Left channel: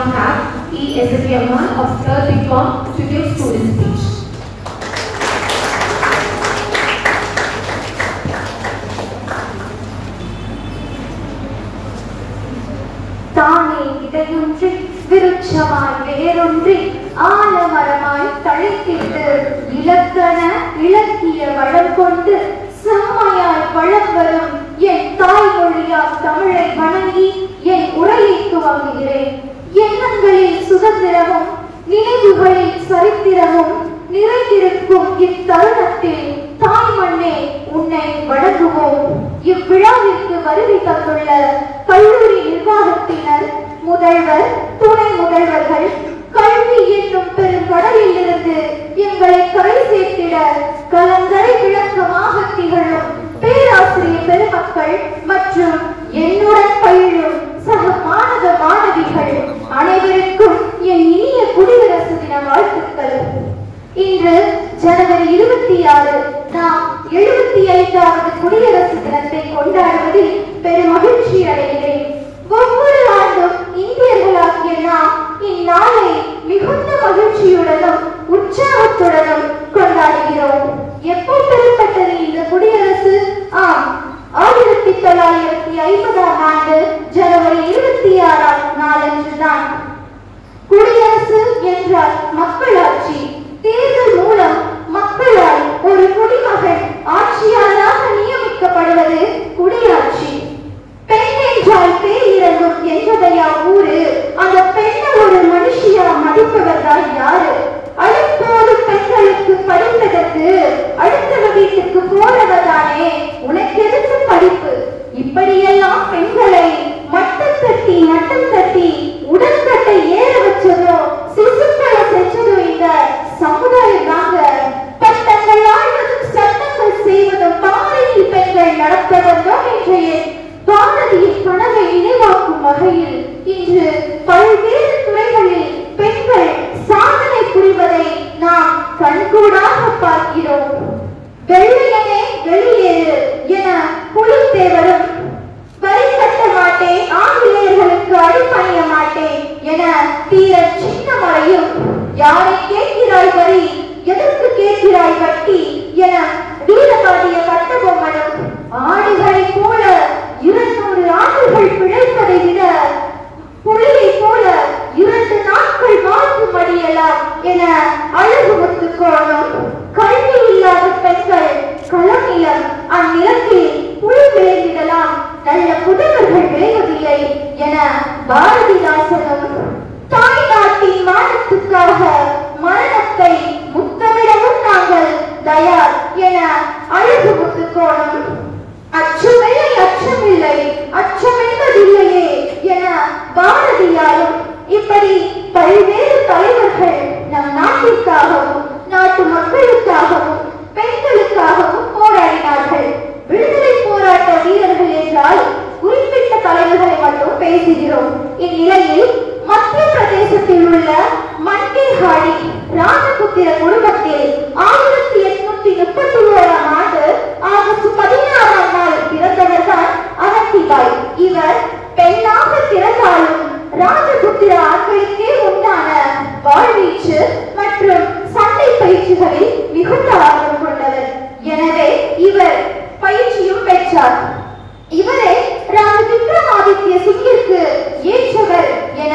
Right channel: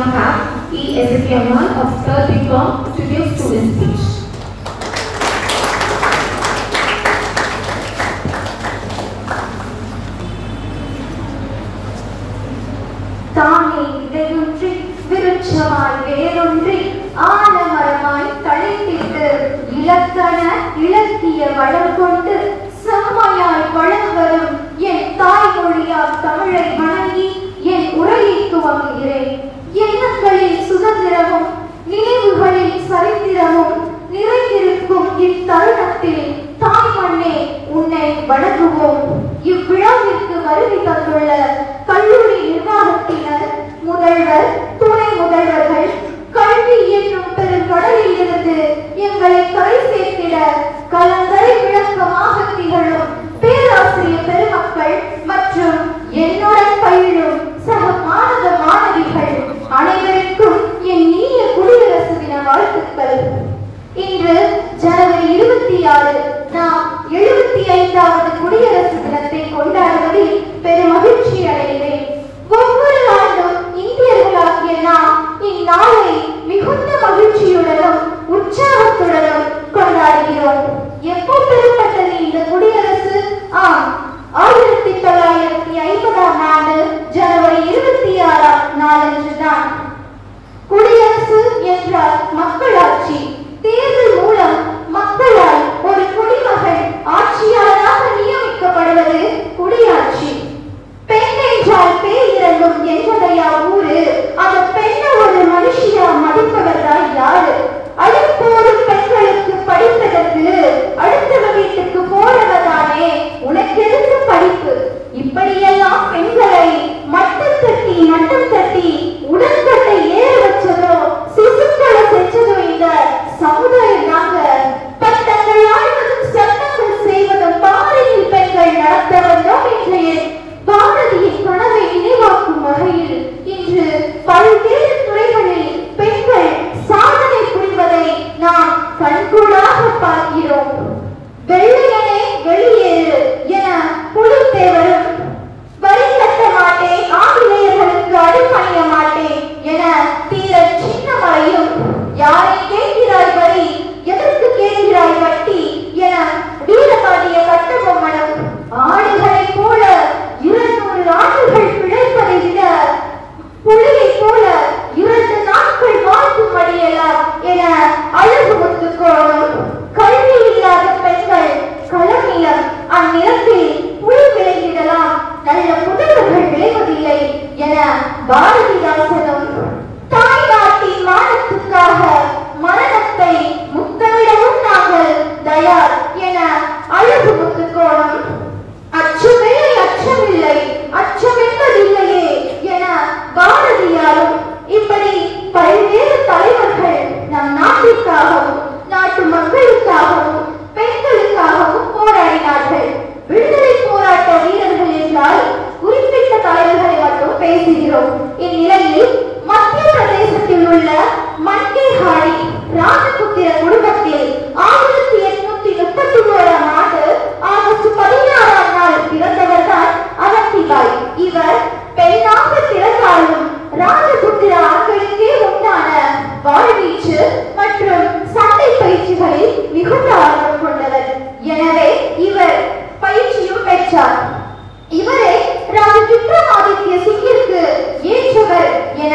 now have E. S. of 3rd BCom to give student speech. தானே விதையொன்றி விருட்சமாய் வேரொன்றி ஆலமரமாய் தழைத்திட்டு இலக்கண இலக்கிய வளம் கொண்டு செம்மையாய் வளம் வரும் என் தாய்மொழியாம் தமிழை வணங்கி என் உரையை துவங்குகிறேன். எண்ணங்களில் சுதந்திரமும் நினைவுகளில் சரித்திரமும் நிறைந்திருக்கும் இத்தருணத்தில் தாய்மண்ணே உன்னை வணங்குவோம். இவ்விழாவிற்கு வருகை தந்துள்ள கல்லூரி நிர்வாகத்தினர், முதல்வர், துணை முதல்வர்கள், கல்வி என்னும் பெரும் கடலில் இருந்து எங்களை கரை சேர்த்திட கலங்கரை விளக்கமாக திகழும் பேராசிரியர் பெருமக்கள் மற்றும் என்னுடன் பயிலும் சக மாணவ மாணவிகள் அனைவருக்கும் என் இனிய குடியரசு தின வாழ்த்துக்கள். இன்று ஜனவரி 26 நாம் 75வது குடியரசு தினத்தை கொண்டாடுவதில் பெரும் மகிழ்ச்சி அடைகிறேன். ஒவ்வொரு ஆண்டும் இந்தியர்களாகிய நாம் இந்நாளை மிகுந்த மகிழ்ச்சியுடனும் உற்சாகத்துடனும் கொண்டாடுகிறோம். எப்போ பெறப்பட்டது இந்த குடியரசு? 1950ஆம் ஆண்டு ஜனவரி 26ஆம் நாளன்றுதான். குடியரசு என்றால் மக்களாட்சி. தேர்தல் மூலம் மக்களால் ஒரு குடிமகன் ஆட்சியாளராக நியமிக்கப்படுவது குடியாட்சி. பெண் என்றால் பேய் இறங்கும் என்பதையா ஊரு? அந்த பெண்ணை ஒரு மனுஷியா மதிப்பவர்கள் யாரு? அழைப்போரும் பெண்களுக்கு படிப்பதற்கு அடுத்தவ வீட்டுக்கு போறதானே உனக்கு எதுக்கு படிப்பு? இப்படியெல்லாம் பெண்களை மட்டம் தட்டி நட்டம் தட்டி உடற்கட்டை ஏற வச்சதோ சிசுக்களை செஞ்சதோ இந்த சமுதாயம் நாங்க. பட்டங்கள் ஆழ்வதும் சட்டங்கள் செய்வதும் பாறையில் பெண்கள் நடத்த வந்தோம். இன்றைய பாரதியின் கனவை நினைவாக்கும் வகையில் இன்று பல்வேறு துறைகளில் பெண்கள் சாதனை புரிவதை நாம் கண்கூடாக பார்க்கிறோம். வெள்ளையனே வெளியேறு என புலித்தேவரும், வரி கட்ட மாட்டேன், ஆங்கிலேயர்களுக்கு அடிபணிய மாட்டேன் என தீர சின்னமலையும், யாரை கேட்கிறாய் வரி, எதற்கு கேட்கிறாய் வட்டி என வீரபாண்டிய கட்டபொம்மனும், ஆடுகளை போல 200 ஆண்டுகள் பிழைப்பதை விட புலியை போல 2 நாட்கள் வாழ்த்தும்படியலாம் என அழகு முத்துக்கோணும், கல்வி இல்லாத பெண்கள் களமிலம் அந்நிலத்தில் புலி விளைந்திடலாம், நல்ல புதல்வர்கள் விளைவதில்லை என பாரதிதாசனும், தாய் நாட்டின் மானத்துக்காக மரணத்தை முத்தமிடவும் நாங்கள் தயார் என அழகு முத்துக்கோணும், அச்சமில்லை அச்சமில்லை அச்சம் என்பதில்லையே என பாரதியாரும், இப்படி பல்வேறு தலைவர்கள் நம் நாட்டிற்காகவும் நாட்டு மக்களுக்காகவும் பெண்களுக்காகவும் போராடினார்கள். விடுதலை போராட்ட வீரர்கள் என்றால் குறிப்பிட்ட தலைவர்களை மட்டும் பேசுகிறோம். இந்நிலையில் மத்திய பிரதேசத்தில் உள்ள மன்கேஹாடி ராஜபுத்திர குடும்பத்தில் 1831ஆம் ஆண்டு ஆகஸ்ட் 16ஆம் நாள் பிறந்தவர்தான் அவந்திபாய். இவர் பெண்ணாக பிறந்தாலும் ராஜபுத்திர ஆண்களுக்கே உண்டான வாழ்வீச்சு மற்றும் சண்டை பயிற்சிகளில் மிகுந்த ஆர்வம் கொண்டவர். எனவே இவர் பயிற்சியும் பெற்றார். இவரே ராஜா விக்ரமாதித்ய சிங்கிற்கு ஏற்றவர் என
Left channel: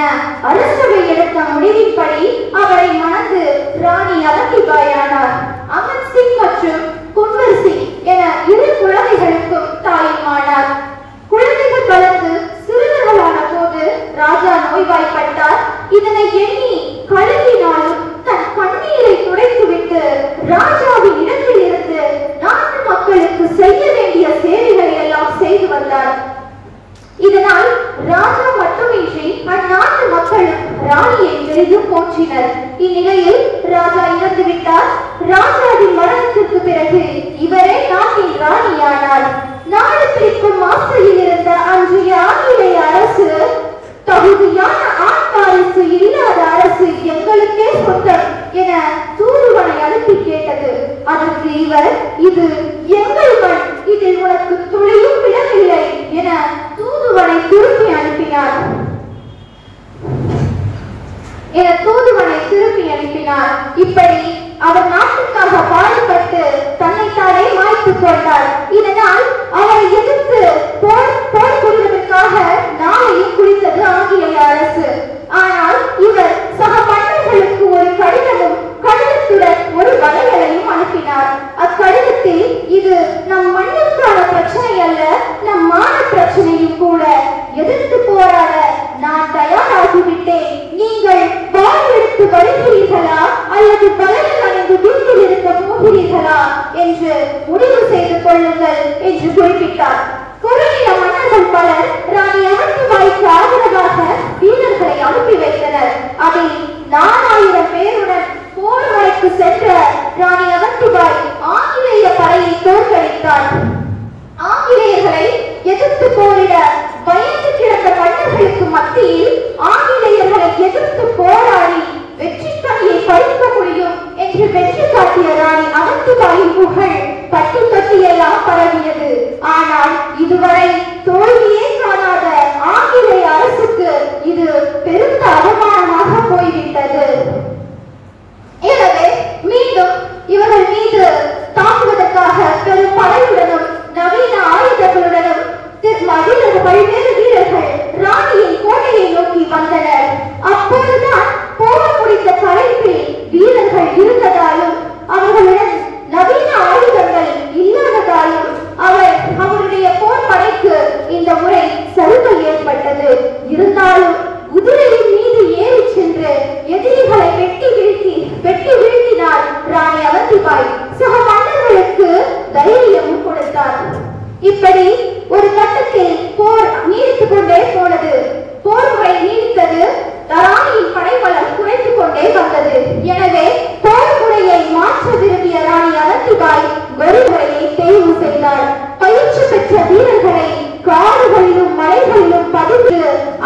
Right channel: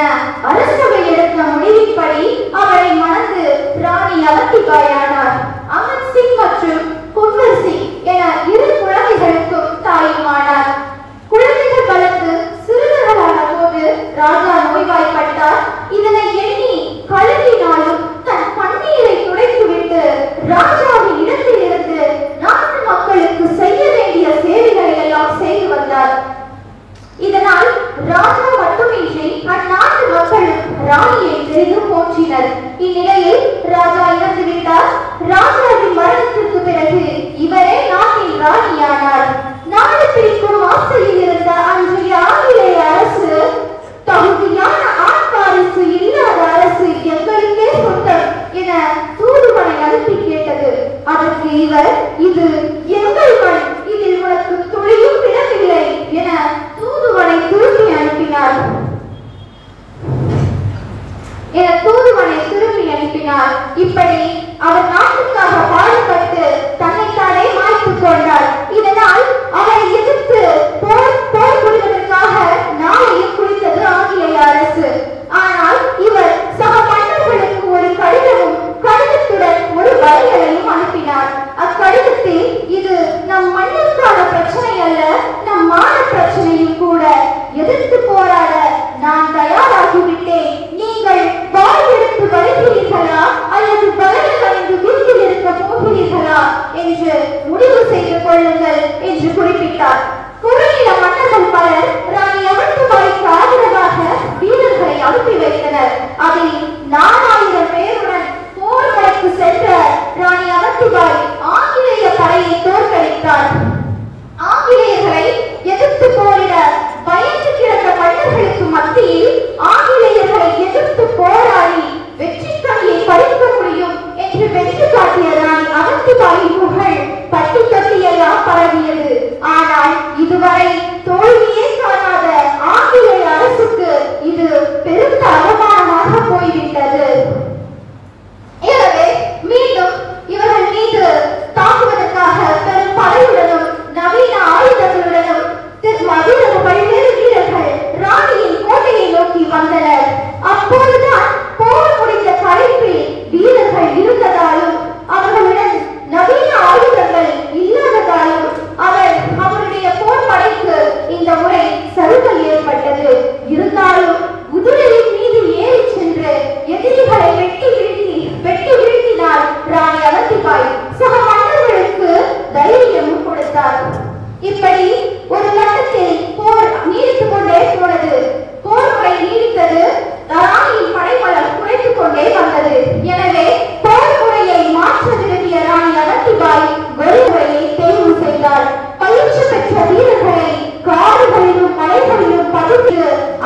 அரசவை எடுத்த முடிவின்படி அவரை மணந்து ராணி அவந்திபாயானார். அமன் சிங் மற்றும் குன்வர் சிங் என 2 குழந்தைகளுக்கும் தாயுமானார். குழந்தைகள் வளர்ந்து சிறுவர்களான போது ராஜா நோய்வாய்ப்பட்டார். இதனை எண்ணி கலங்கினாலும் தன் கண்ணீரை துடைத்துவிட்டு ராஜாவின் இடத்தில் இருந்து நாட்டு மக்களுக்கு செய்ய வேண்டிய சேவைகளை எல்லாம் செய்து வந்தார். இதனால் ராஜா மட்டுமின்றி அந்நாட்டு மக்களும் ராணியை பெரிதும் போற்றினர். இந்நிலையில் ராஜா இறந்துவிட்டார். ராஜாவின் மரணத்திற்கு பிறகு இவரே நாட்டின் ராணியானார். நாடு பிரிக்கும் ஆசையில் இருந்த அன்றைய ஆங்கிலேய அரசு, தகுதியான ஆண் வாரிசு இல்லாத அரசு எங்களுக்கே சொந்தம் என தூதுவனை அனுப்பி கேட்டது. அதற்கு இவர், இது எங்கள் மண், இதில் உனக்கு துளியும் இடமில்லை என தூதுவனை திருப்பி அனுப்பினார். மட்டுமல்ல, நம் மான பிரச்சனையும் கூட எதிர்த்து போராட நான் தயாராகிவிட்டேன். நீங்கள் வாழ்வெடுத்து வருகிறீர்களா அல்லது பலன் அடைந்து வீட்டில் இருக்க போகிறீர்களா என்று முடிவு செய்து கொள்ளுங்கள் என்று குறிப்பிட்டார். குறுநில மன்னர்கள் பலர் ராணி அவந்திபாய்க்கு ஆதரவாக வீரர்களை அனுப்பி வைத்தனர். அதில் 4000 பேருடன் போர் முறைக்கு சென்ற ராணி அவந்திபாய் ஆங்கிலேய படையை தோற்கடித்தார். ஆங்கிலேயர்களை எதிர்த்து போரிட பயந்து கிடந்த மன்னர்களுக்கு மத்தியில் ஆங்கிலேயர்களை எதிர்த்து போராடி வெற்றி கனியை பறிக்க முடியும் என்று வெற்றி காட்டிய ராணி அவந்திபாயின் புகழ் பட்டி தொட்டியெல்லாம் பரவியது. ஆனால் இதுவரை தோல்வியே காணாத ஆங்கிலேய அரசுக்கு இது பெருத்த அவமானமாக போய்விட்டது. எனவே மீண்டும் இவர்கள் மீது தாக்குவதற்காக பெரும் படையுடனும் நவீன ஆயுதங்களுடனும் பல்வேறு வீரர்கள் ராணியின் கோட்டையை நோக்கி வந்தனர். அப்போதுதான் போர் முடிந்த களைப்பில் வீரர்கள் இருந்ததாலும் அவர்களுடன் நவீன ஆயுதங்கள் இல்லாததாலும் அவருடைய போர் படைக்கு இந்த முறை சலுகை ஏற்பட்டது. இருந்தாலும் குதிரையின் மீது ஏறி சென்று எதிரிகளை வெட்டி வீழ்த்தினார் ராணி அவந்திபாய். சக மன்னர்களுக்கு தைரியம் கொடுத்தார். இப்படி ஒரு கட்டத்தில் போர் நீடித்துக் கொண்டே போனது. போர் முறை நீடித்தது. ராணியின் படைபலம் குறைத்துக் கொண்டே வந்தது. எனவே போர் முறையை மாற்ற விரும்பிய ராணி அவந்திபாய் வழிமுறையை தேர்வு செய்தார். பயிற்சி பெற்ற வீரர்களை காடுகளிலும் மலைகளிலும் பதித்து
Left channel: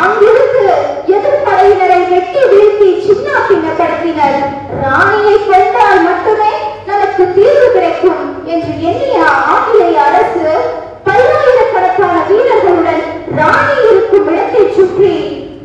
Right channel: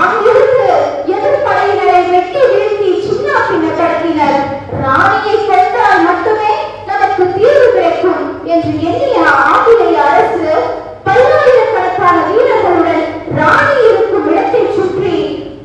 அங்கிருந்து எதிர்ப்படையினரை வெட்டி வீழ்த்தி சின்ன பின்னப்படுத்தினர். ராணியை வென்றால் மட்டுமே நமக்கு தீர்வு கிடைக்கும் என்று எண்ணிய ஆங்கிலேய அரசு பல்லாயிரக்கணக்கான வீரர்களுடன் ராணி இருக்கும் இடத்தை சுற்றி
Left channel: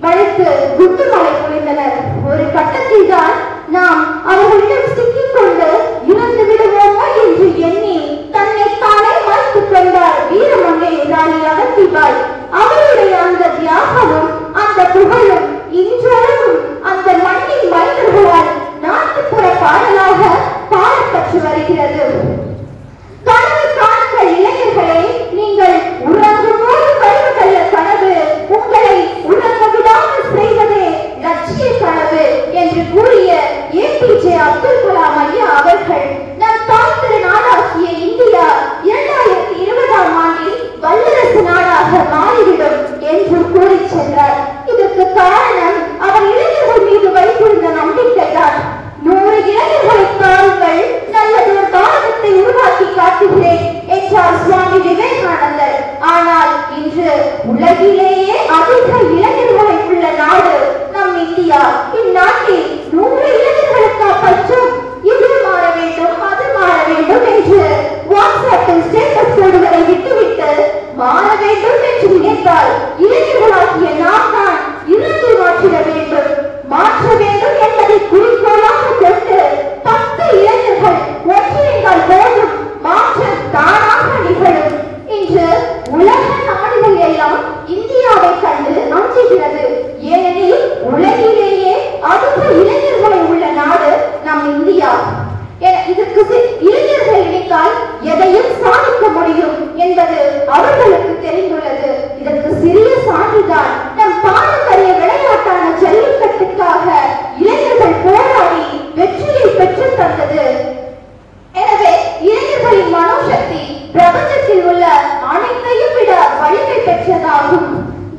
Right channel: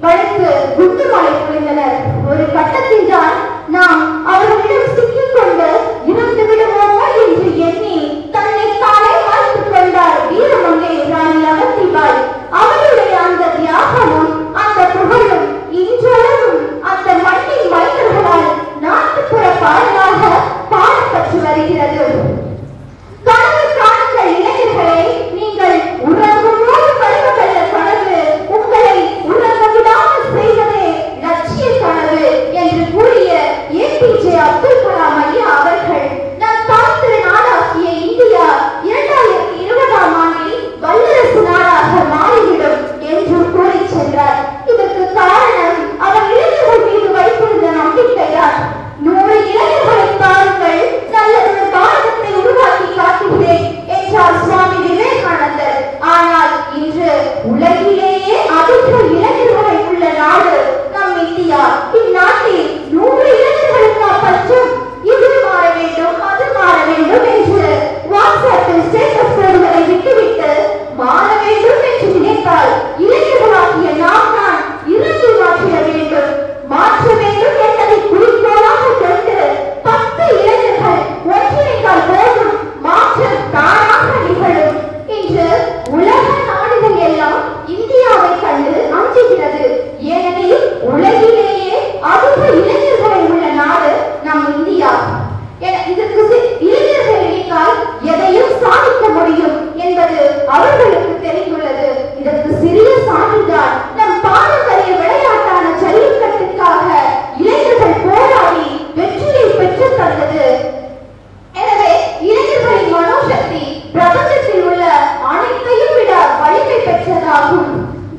வளைத்து குண்டுமலை பொழிந்தனர். ஒரு கட்டத்தில் தான் நாம் அவர்களிடம் சிக்கிக் கொண்டு இறந்து விடுவோமா என்று எண்ணி தன்னை தானே மாய்த்துக் கொண்டார் வீரமங்கை ராணி அவந்திபாய். அவருடைய அந்த தியாகமும் அந்த புகழும் இன்றளவும் அந்த மண்ணின் மைந்தர்களால் நாட்டுப்புற பாடலாக பாடப்பட்டு வருகிறது. இளைஞர்களே, நீங்கள் உறங்கும்போது கருவதல்ல கனவு, உங்களை உறங்க விடாமல் செய்வதே லட்சிய கனவு என்று கூறிய APJ அப்துல் கலாம் ஐயா அவர்கள் நம் தாய்த்திரு நாடாகிய இந்தியா 2020ஆம் ஆண்டில் வல்லரசு நாடாக மாறிவிடும் என்று கூறி சென்றார். இதற்கு காரணம் அவர் இளைஞர்கள் மீது வைத்திருந்த நம்பிக்கைதான். 100 இளைஞர்களை பாருங்கள், நல்லதொரு பாரதத்தை உருவாக்கி காட்டுகிறேன் என்றார் சுவாமி விவேகானந்தர். ஆனால் இன்று உலகிலேயே அதிக இளைஞர்களை உள்ள நாடு நம் இந்தியா. இந்நாட்டில் 100 இளைஞர்களுக்கு பற்றும் இது மாற வேண்டும் அது மாற வேண்டும் என்று வாட்ஸ்அப்பில் ஸ்டேட்டஸ் போடுவதை விட்டுவிட்டு மாற வேண்டும் என்று நினைத்தால் இளைஞர்களாகிய நாம் தான் இறங்கி மாற்றிட வேண்டும். மாற்ற வேண்டும் என்பதை குறிக்கோளாக கொண்டு 10 இளைஞர்கள் ஒன்றிணைந்தால் போதும், மாற்றம் தானாக நிகழும். இன்று உலக நாடுகள் எல்லாம் இந்தியாவை கண்டு அஞ்சுகிறது. ஏனெனில் உலகிலேயே அதிக இளைஞர்களை உள்ள நாடு நம் இந்தியா. இதற்கு இளைஞர்கள் நினைத்தால் எதையும் சாதிக்க முடியும் என்பது அவர்களுக்கு தெரிந்துள்ளது. இதற்கு சிறிய சான்றுதான் நம் பாரம்பரிய விளையாட்டான ஜல்லிக்கட்டுக்காக இளைஞர்கள் போராடி வெற்றியை பெற்று தந்தது. எனவே இளைஞர்களின் மனோசக்தி பிரபஞ்சத்தில் உள்ள அனைத்தையும் விட வலிமை பெற்றதாகும்.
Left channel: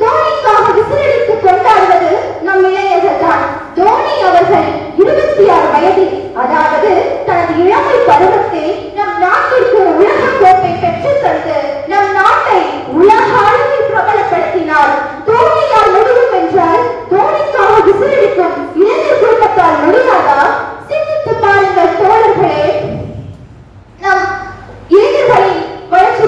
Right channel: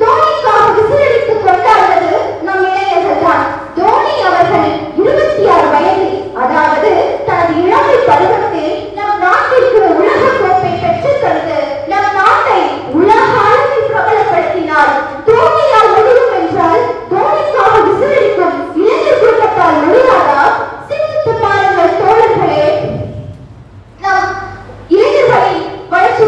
தோனிக்காக விசிலடித்து கொண்டாடுவது நம் இளைஞர்கள் தான். தோனி அவர்கள் 26 வயதில், அதாவது தனது இளமை பருவத்தில் நம் நாட்டிற்கு உலக கோப்பை பெற்று தந்து நம் நாட்டை உலக அளவில் பிரபலப்படுத்தினார். தோனியால் முடியும் என்றால் தோனிக்காக விசிலடிக்கும் இளைஞர் குடும்பத்தால் முடியாதா? சிந்தித்து பாருங்கள் தோழர்களே. நம் இளைஞர்களின் வளர்ச்சி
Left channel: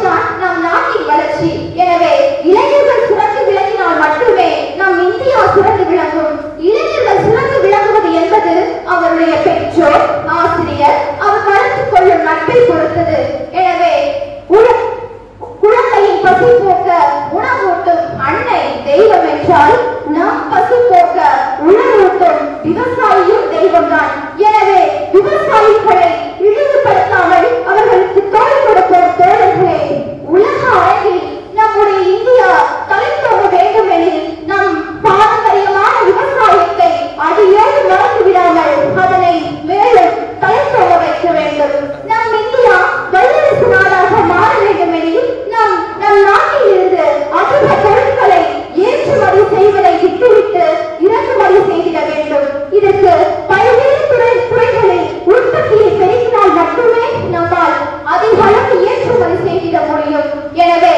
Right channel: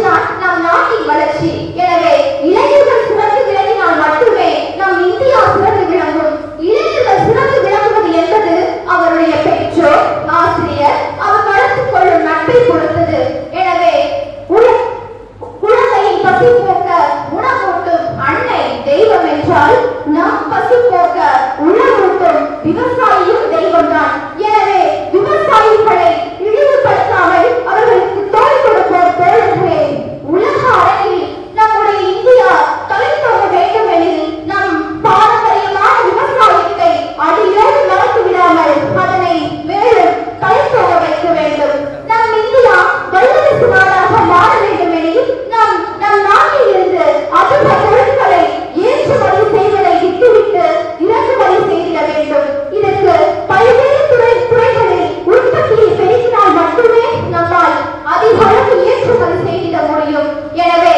எனவே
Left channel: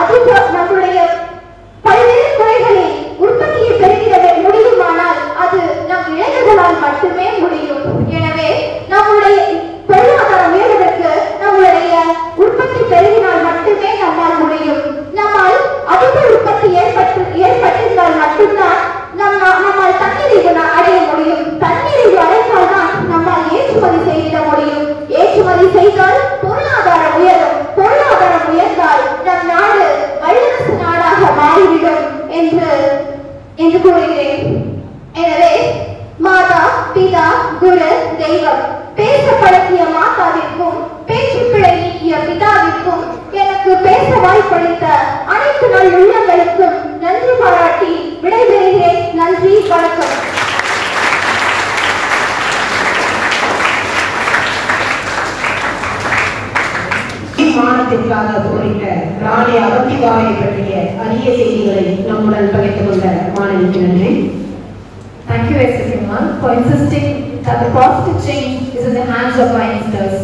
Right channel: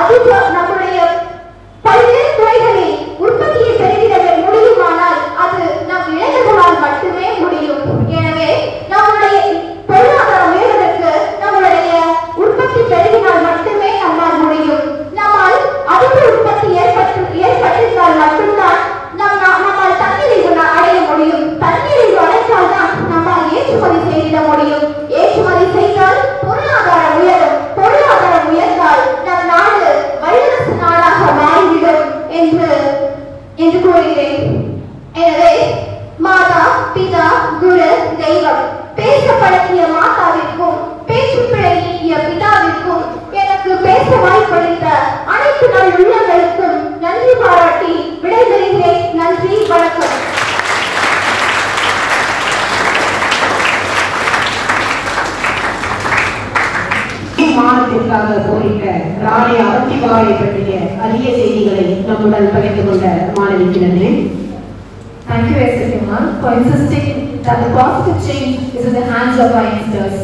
அது நம்முடைய பல்வேறு துறைகளில் உற்பத்தியை பெருகிட முடியுமானால் அது நம் இளைஞர்களால் மட்டுமே முடியும். எனவே நம்முடைய பொருளாதாரம் உயர்வதற்கு நம்முடைய உற்பத்தி பெருகினால் மட்டுமே நம்மால் முடியும். நம்மால் அதிக உற்பத்தி ஏற்பட்டிருந்தால் மட்டும்தான் நம்மால் தன்னிறைவு அடைய முடியும். தன்னிறைவு அடைந்தால் தான் நம்மால் ஏற்றுமதி செய்திட முடியும். ஏற்றுமதி செய்தால் பொருளாதாரம் உயரும். பொருளாதாரம் உயர்ந்தால் நம் நாடு வல்லரசு நாடாக மாறிவிடும் என்று கூறுகிறேன். எனவே மாதா, பிதா, குரு, தெய்வம் பேச பழக்கிய மாதாவிற்கும் பேச்சு பிழை நீக்கிய பிதாவிற்கும் எனக்கு பேச வாய்ப்பளித்த அனைத்து நல் உள்ளங்களுக்கும் நன்றி பாராட்டி விடைபெறுகிறேன். நன்றி, வணக்கம். மாநிலத்திற்காக போரிட்ட ராணி அவந்திபாயை பற்றிய அரிய செய்திகளை நம்முடன் பகிர்ந்து கொண்ட மாணவிக்கு நன்றி. Thank you, S.S. Iman, for insisting that the positive change is in the hands of our youngsters.